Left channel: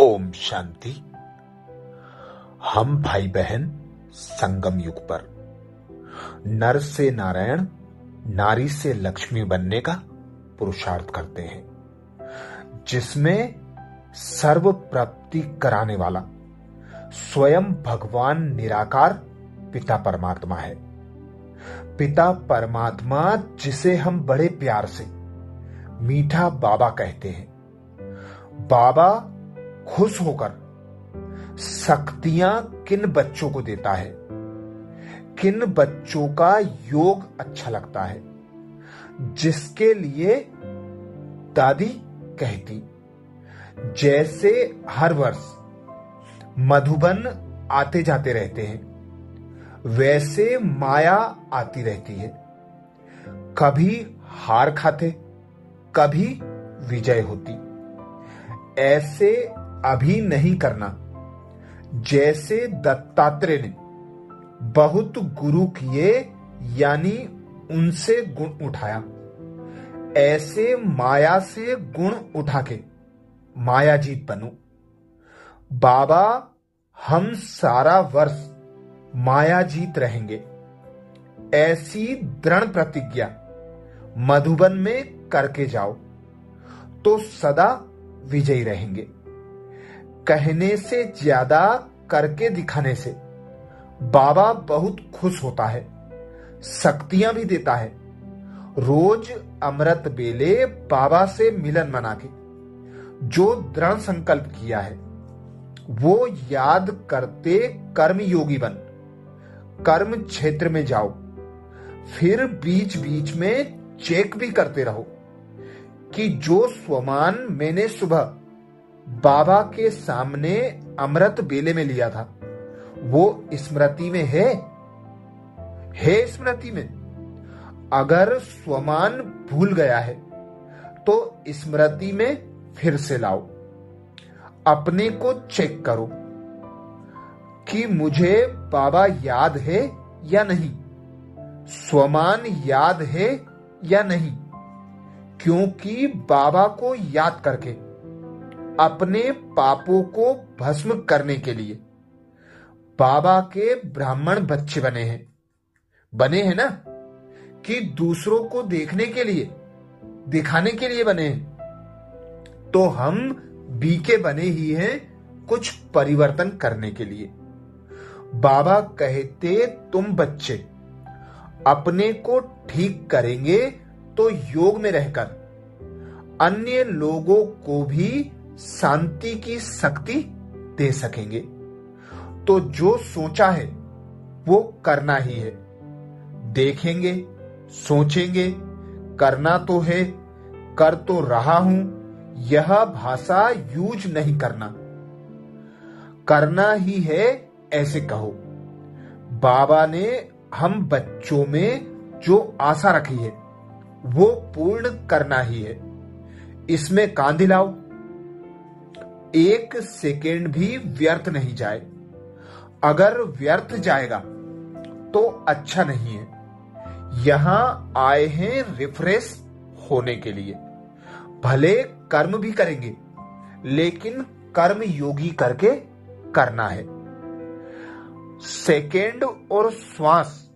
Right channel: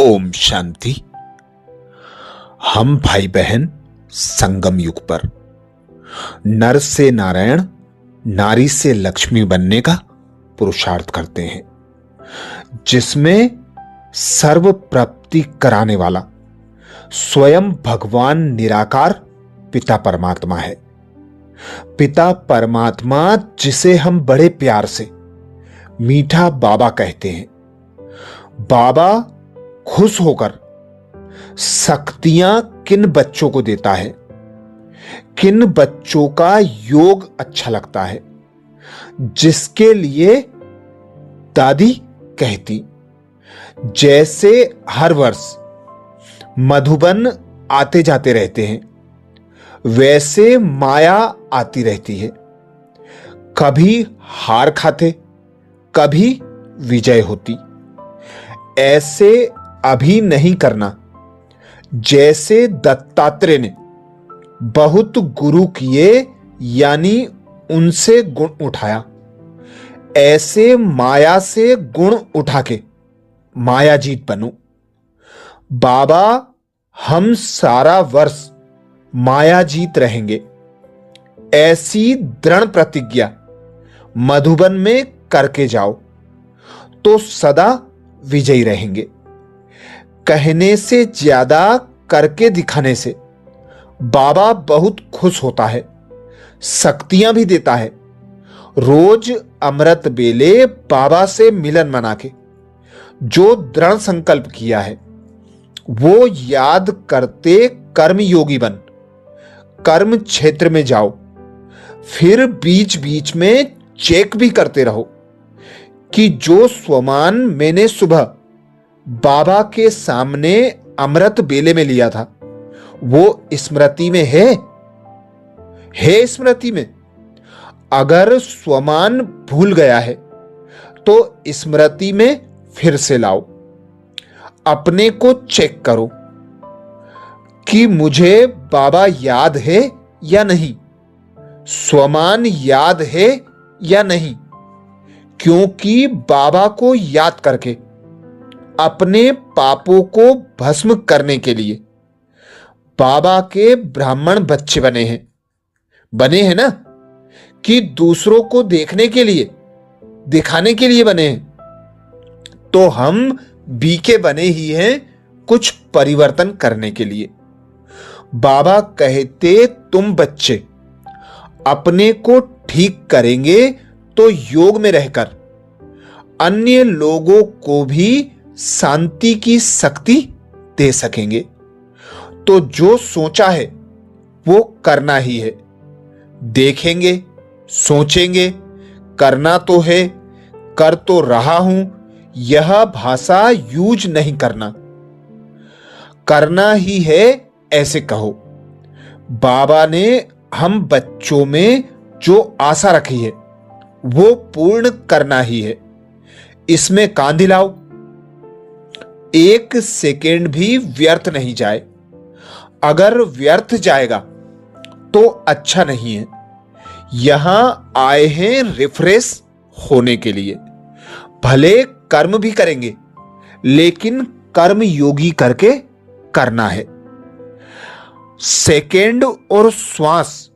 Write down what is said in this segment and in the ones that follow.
ओम शांति। हम भाई बहन संगम युग पर नर से नारायण, नारी से लक्ष्मी बनने का पुरुषार्थ करते हैं, जिसमें सर्व प्राप्ति कराने वाला स्वयं भगवान निराकार पिता परमात्मा है। पिता परमात्मा जिसे हम बड़े प्यार से मीठा बाबा कहते हैं। बाबा खुश होकर शक्तियां किन बच्चों को देता है, किन बच्चों का योग अच्छा लगता है, जिसके लिए दादी कहती, जैसे हर वर्ष मधुबन आते जाते रहते हैं, वैसे माया आती रहती है। कभी हार खाते, कभी विजय होती। ऐसे अभी नहीं करना। जैसे दत्तात्रेय ने बहुत गुरु किए, यानी उनसे गुण उठाया, ऐसे माया से गुण उठा के मायाजीत बनो। बाबा हम सारा वर्ष मायाजीत रहेंगे, ऐसी दृढ़ प्रतिज्ञा मधुबन में करके जाओ तो सदा विजयी रहेंगे। कहने से ज्यादा करके दिखाने से बाबा बहुत खुश होता है, शक्तियां भी देता है। रोज अमृत बेले बाबा से मिलन मना के जो दृढ़ संकल्प किया है, वो याद करते कर्म योगी बन कर्म क्षेत्र में जाओ। फिर बीच बीच में चेक भी करते रहो कि जो स्वमान मैंने सुबह बाबा के सामने अमृत बेले में लिया था, वो स्मृति में है स्मृति में। अगर स्वमान भूल गया है तो स्मृति में फिर से लाओ। अपने को चेक करो कि मुझे बाबा याद है या नहीं, स्वमान याद है या नहीं। क्योंकि बाबा को याद करके अपने पापों को भस्म करने के लिए बाबा के ब्राह्मण बच्चे बने हैं ना, कि दूसरों को देखने के लिए, दिखाने के लिए बने हैं। तो हम बीके बने ही हैं कुछ परिवर्तन करने के लिए। बाबा कहते तुम बच्चे अपने को ठीक करेंगे तो योग में रहकर अन्य लोगों को भी शांति की शक्ति दे सकेंगे। तो जो सोचा है वो करना ही है। देखेंगे, सोचेंगे, करना तो है, कर तो रहा हूं, यह भाषा यूज नहीं करना। करना ही है ऐसे कहो। बाबा ने हम बच्चों में जो आशा रखी है वो पूर्ण करना ही है। इसमें कान दिलाओ, एक सेकेंड भी व्यर्थ नहीं जाए। अगर व्यर्थ जाएगा तो अच्छा नहीं है। यहां आए हैं रिफ्रेश होने के लिए। भले कर्म भी करेंगे, लेकिन कर्म योगी करके करना है। सेकेंड और श्वास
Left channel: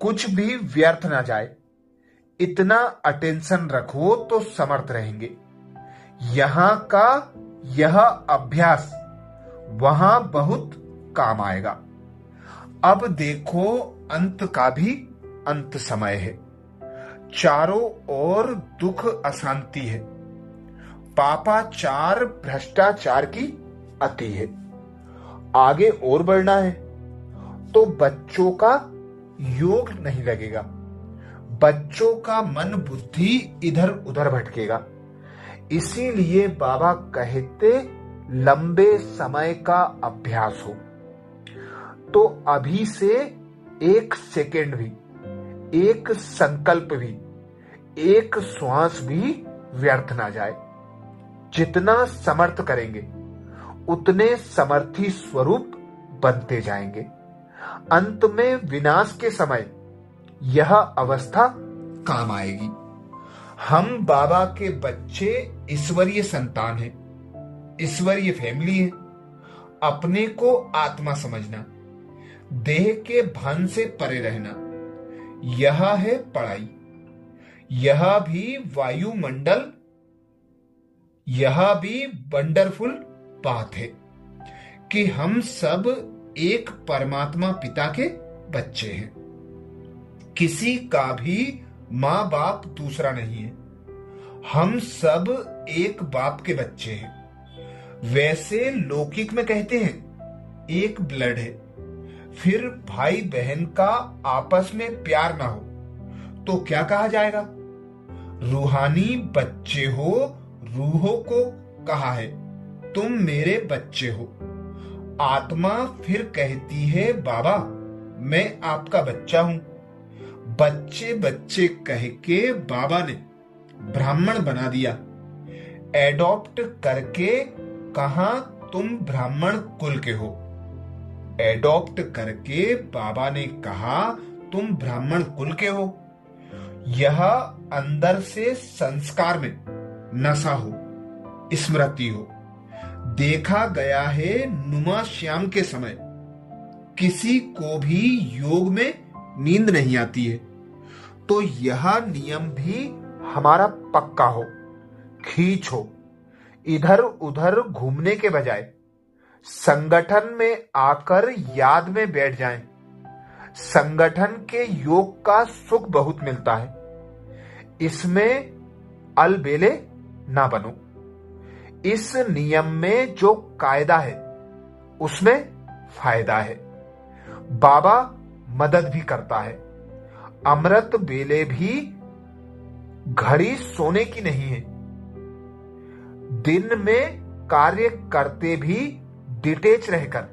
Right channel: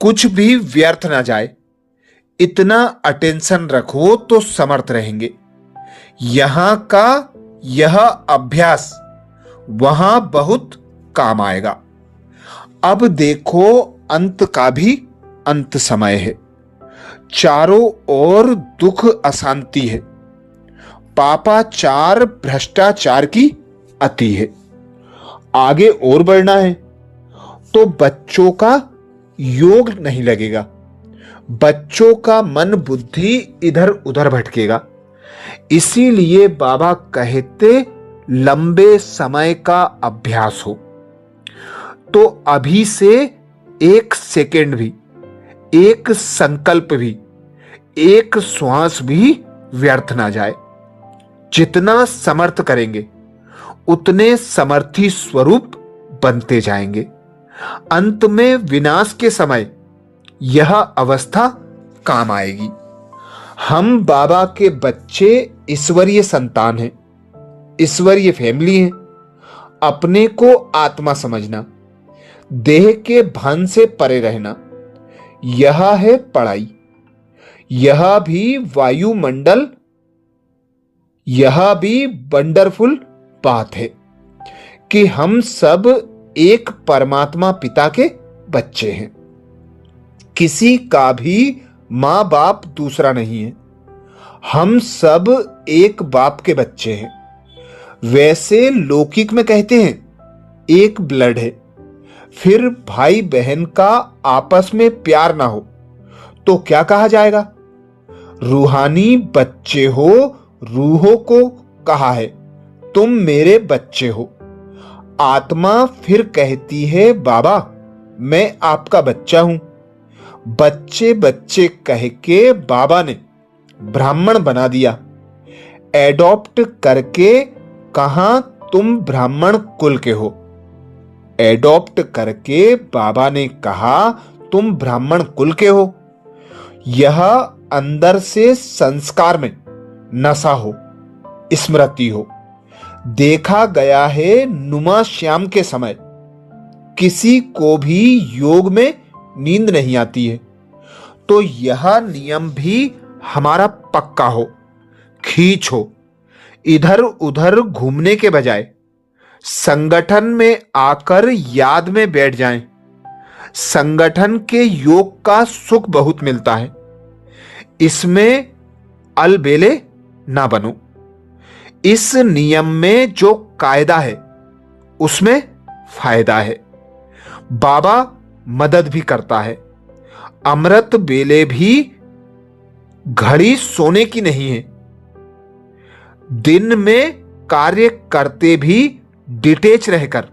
कुछ भी व्यर्थ ना जाए, इतना अटेंशन रखो तो समर्थ रहेंगे। यहां का यह अभ्यास वहां बहुत काम आएगा। अब देखो, अंत का भी अंत समय है। चारों ओर दुख अशांति है। पापाचार भ्रष्टाचार की अति है। आगे और बढ़ना है तो बच्चों का योग नहीं लगेगा। बच्चों का मन बुद्धि इधर उधर भटकेगा। इसीलिए बाबा कहते लंबे समय का अभ्यास हो। तो अभी से एक सेकेंड भी, एक संकल्प भी, एक श्वास भी व्यर्थ ना जाए। जितना समर्थ करेंगे उतने समर्थी स्वरूप बनते जाएंगे। अंत में विनाश के समय यह अवस्था काम आएगी। हम बाबा के बच्चे ईश्वरीय संतान हैं। ईश्वरीय फैमिली है। अपने को आत्मा समझना, देह के भान से परे रहना, यह है पढ़ाई। यह भी वायुमंडल, यह भी वंडरफुल बात है कि हम सब एक परमात्मा पिता के बच्चे हैं। किसी का भी मां बाप दूसरा नहीं है। हम सब एक बाप के बच्चे हैं। वैसे लौकिक में कहते हैं एक ब्लड है। फिर भाई बहन का आपस में प्यार ना हो तो क्या कहा जाएगा? रूहानी बच्चे हो, रूहों को कहा है तुम मेरे बच्चे हो। आत्मा फिर कहती है बाबा मैं आपका बच्चा हूं। बच्चे बच्चे कह के बाबा ने ब्राह्मण बना दिया। एडॉप्ट करके कहा तुम ब्राह्मण कुल के हो। एडॉप्ट करके बाबा ने कहा तुम ब्राह्मण कुल के हो। यह अंदर से संस्कार में नशा हो, स्मृति हो। देखा गया है नुमा श्याम के समय किसी को भी योग में नींद नहीं आती है। तो यह नियम भी हमारा पक्का हो, खींच हो। इधर उधर घूमने के बजाय संगठन में आकर याद में बैठ जाएं। संगठन के योग का सुख बहुत मिलता है। इसमें अलबेले ना बनो। इस नियम में जो कायदा है उसमें फायदा है। बाबा मदद भी करता है। अमृत बेले भी घड़ी सोने की नहीं है। दिन में कार्य करते भी डिटेच रहकर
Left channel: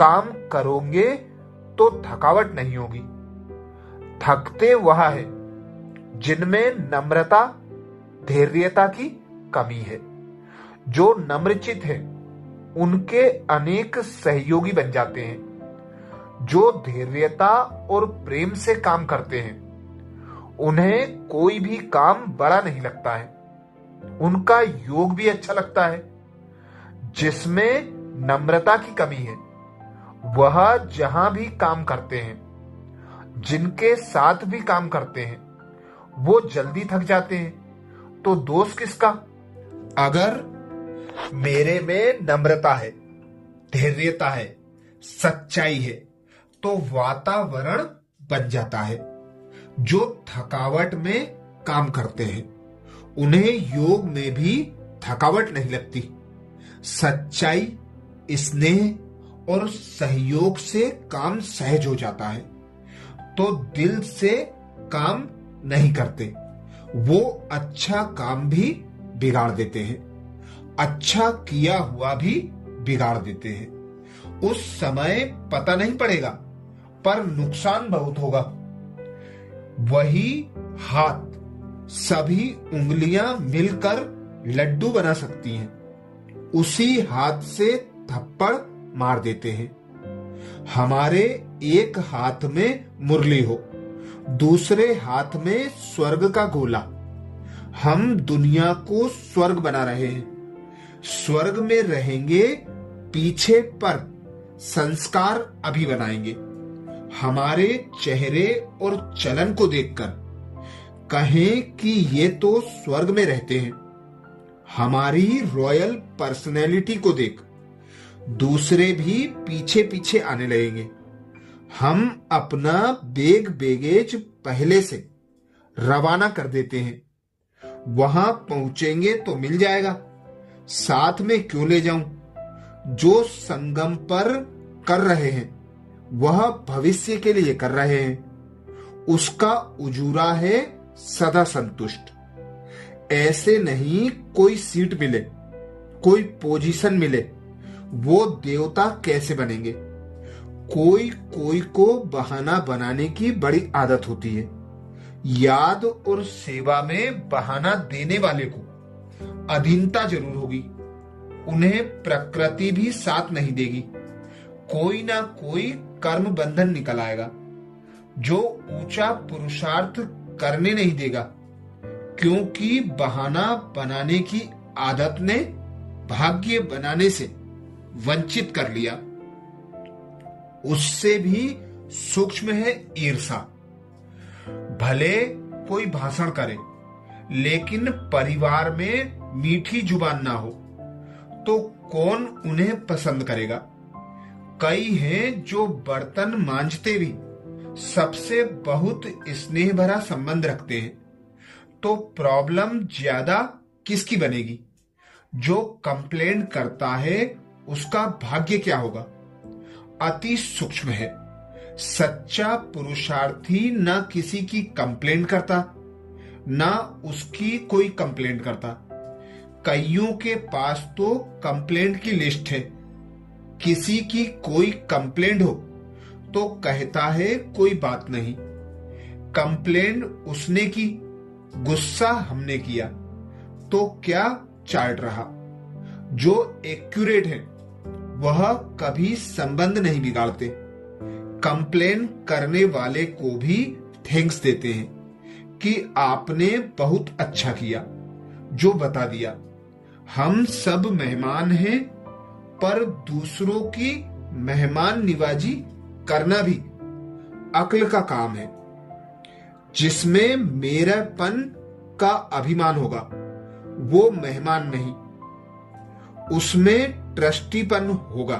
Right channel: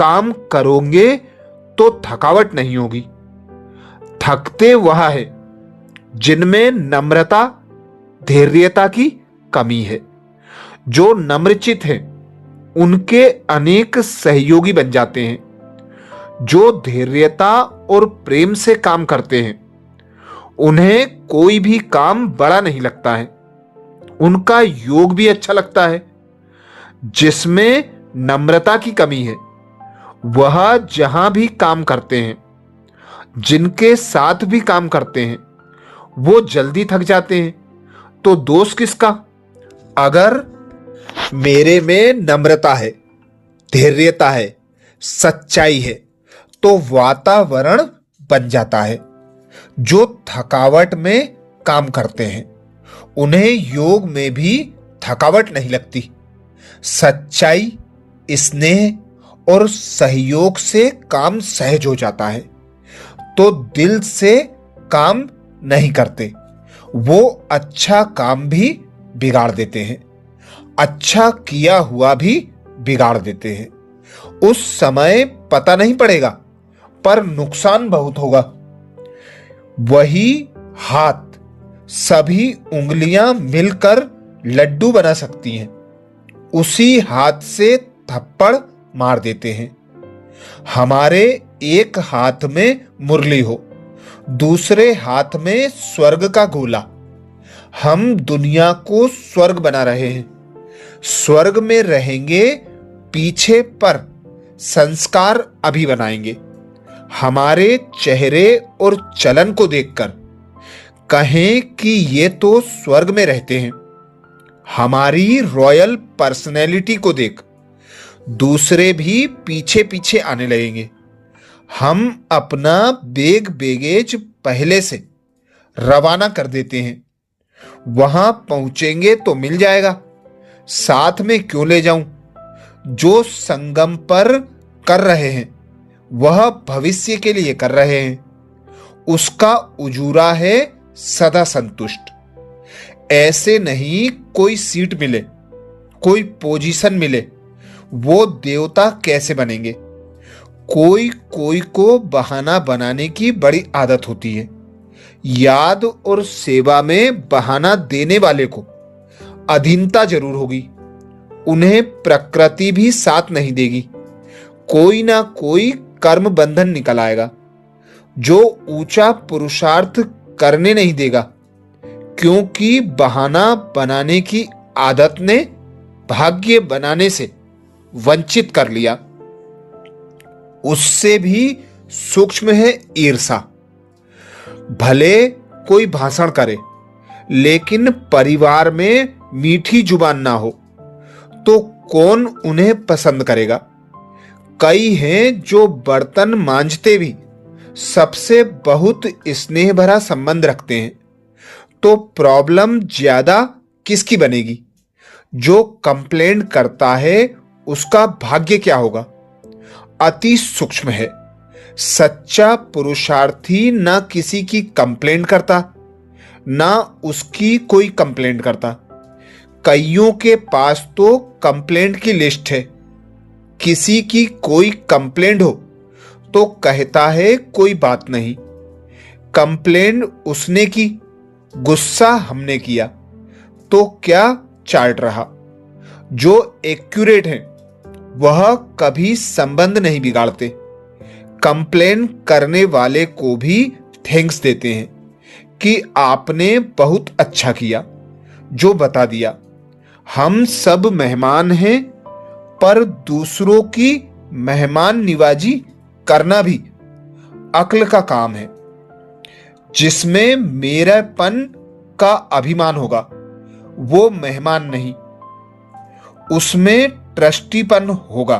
काम करोगे तो थकावट नहीं होगी। थकते वह है जिनमें नम्रता, धैर्यता की कमी है। जो नम्रचित हैं उनके अनेक सहयोगी बन जाते हैं। जो धैर्यता और प्रेम से काम करते हैं उन्हें कोई भी काम बड़ा नहीं लगता है। उनका योग भी अच्छा लगता है। जिसमें नम्रता की कमी है वह जहां भी काम करते हैं, जिनके साथ भी काम करते हैं, वो जल्दी थक जाते हैं। तो दोष किसका? अगर मेरे में नम्रता है, धैर्यता है, सच्चाई है तो वातावरण बन जाता है। जो थकावट में काम करते हैं उन्हें योग में भी थकावट नहीं लगती। सच्चाई, स्नेह और सहयोग से काम सहज हो जाता है। तो दिल से काम नहीं करते, वो अच्छा काम भी बिगाड़ देते हैं, अच्छा किया हुआ भी बिगाड़ देते हैं। उस समय पता नहीं पड़ेगा पर नुकसान बहुत होगा। वही हाथ सभी उंगलियां मिलकर लड्डू बना सकती हैं। उसी हाथ से थप्पड़ मार देते हैं। हमारे एक हाथ में मुरली हो, दूसरे हाथ में स्वर्ग का गोला। हम दुनिया को स्वर्ग बना रहे हैं। स्वर्ग में रहेंगे पीछे पर संस्कार अभी बनाएंगे। हमारे चेहरे और चलन को देखकर कहें कि ये तो स्वर्ग में रहते हैं। हमारी रॉयल पर्सनैलिटी को देख दूसरे भी पीछे पीछे आने लगेंगे। हम अपना बैगेज पहले से रवाना कर देते हैं। वहां पहुंचेंगे तो मिल जाएगा, साथ में क्यों ले जाऊं? जो संगम पर कर रहे हैं वह भविष्य के लिए कर रहे हैं। उसका उजूरा है सदा संतुष्ट। ऐसे नहीं कोई सीट मिले, कोई पोजीशन मिले, वो देवता कैसे बनेंगे? कोई कोई को बहाना बनाने की बड़ी आदत होती है। याद और सेवा में बहाना देने वाले को अधीनता जरूर होगी। उन्हें प्रकृति भी साथ नहीं देगी। कोई ना कोई कर्म बंधन निकल आएगा जो ऊंचा पुरुषार्थ करने नहीं देगा, क्योंकि बहाना बनाने की आदत ने भाग्य बनाने से वंचित कर लिया। उससे भी सूक्ष्म है ईर्षा। भले कोई भाषण करे लेकिन परिवार में मीठी जुबान ना हो तो कौन उन्हें पसंद करेगा। कई हैं जो बर्तन मांजते भी सबसे बहुत स्नेह भरा संबंध रखते हैं, तो प्रॉब्लम ज्यादा किसकी बनेगी? जो कंप्लेंट करता है उसका भाग्य क्या होगा? अति सूक्ष्म है। सच्चा पुरुषार्थी ना किसी की कंप्लेंट करता ना उसकी कोई कंप्लेंट करता। कईयों के पास तो कंप्लेंट की लिस्ट है। किसी की कोई कंप्लेंट हो तो कहता है कोई बात नहीं, कंप्लेंट उसने की, गुस्सा हमने किया, तो क्या चार्ट रहा। जो एक्यूरेट है वह कभी संबंध नहीं बिगाड़ते। कंप्लेन करने वाले को भी थैंक्स देते हैं कि आपने बहुत अच्छा किया जो बता दिया। हम सब मेहमान हैं, पर दूसरों की मेहमान निवाजी करना भी अक्ल का काम है। जिसमें मेरापन का अभिमान होगा वो मेहमान नहीं, उसमें ट्रस्टीपन होगा।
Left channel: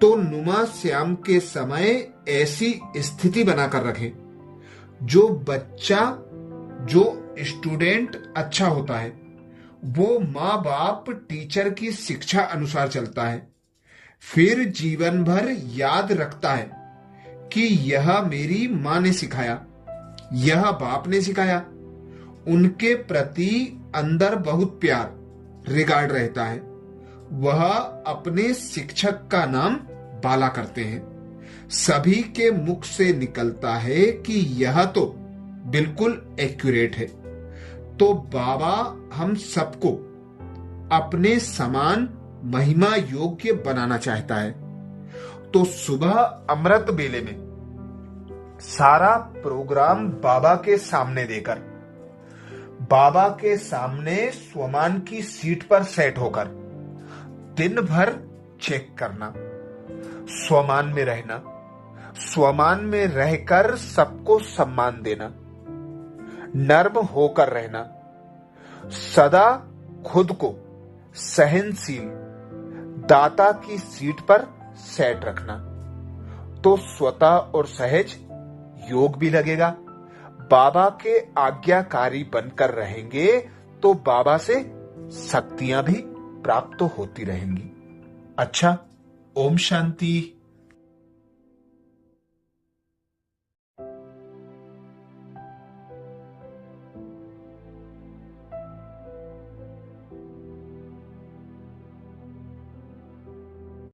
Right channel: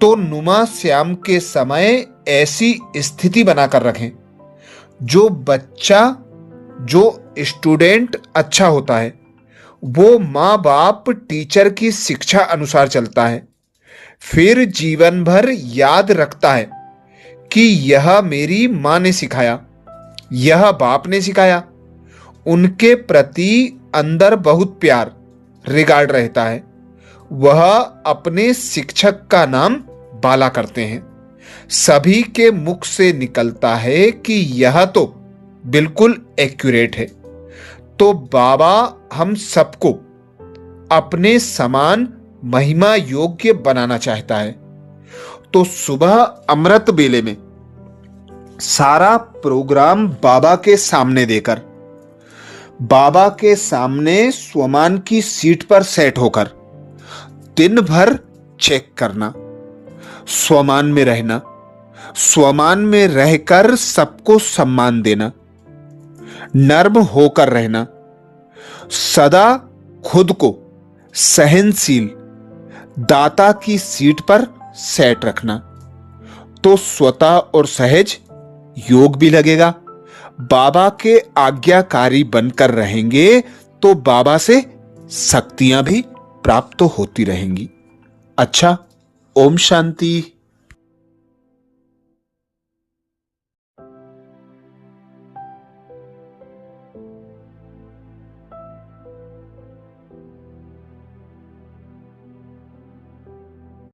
तो नुमा श्याम के समय ऐसी स्थिति बनाकर रखें। जो बच्चा, जो स्टूडेंट अच्छा होता है वो माँ बाप टीचर की शिक्षा अनुसार चलता है, फिर जीवन भर याद रखता है कि यह मेरी माँ ने सिखाया, यह बाप ने सिखाया। उनके प्रति अंदर बहुत प्यार, रिगार्ड रहता है। वह अपने शिक्षक का नाम बाला करते हैं। सभी के मुख से निकलता है कि यह तो बिल्कुल एक्यूरेट है। तो बाबा हम सबको अपने समान महिमा योग्य बनाना चाहता है। तो सुबह अमृत बेले में सारा प्रोग्राम बाबा के सामने देकर, बाबा के सामने स्वमान की सीट पर सेट होकर दिन भर चेक करना, स्वमान में रहना, स्वमान में रहकर सबको सम्मान देना, नर्म होकर रहना, सदा खुद को सहनशील दाता की सीट पर सेट रखना। तो स्वतः और सहज योग भी लगेगा। बाबा के आज्ञाकारी बनकर रहेंगे तो बाबा से शक्तियां भी प्राप्त होती रहेंगी। अच्छा, ओम शांति।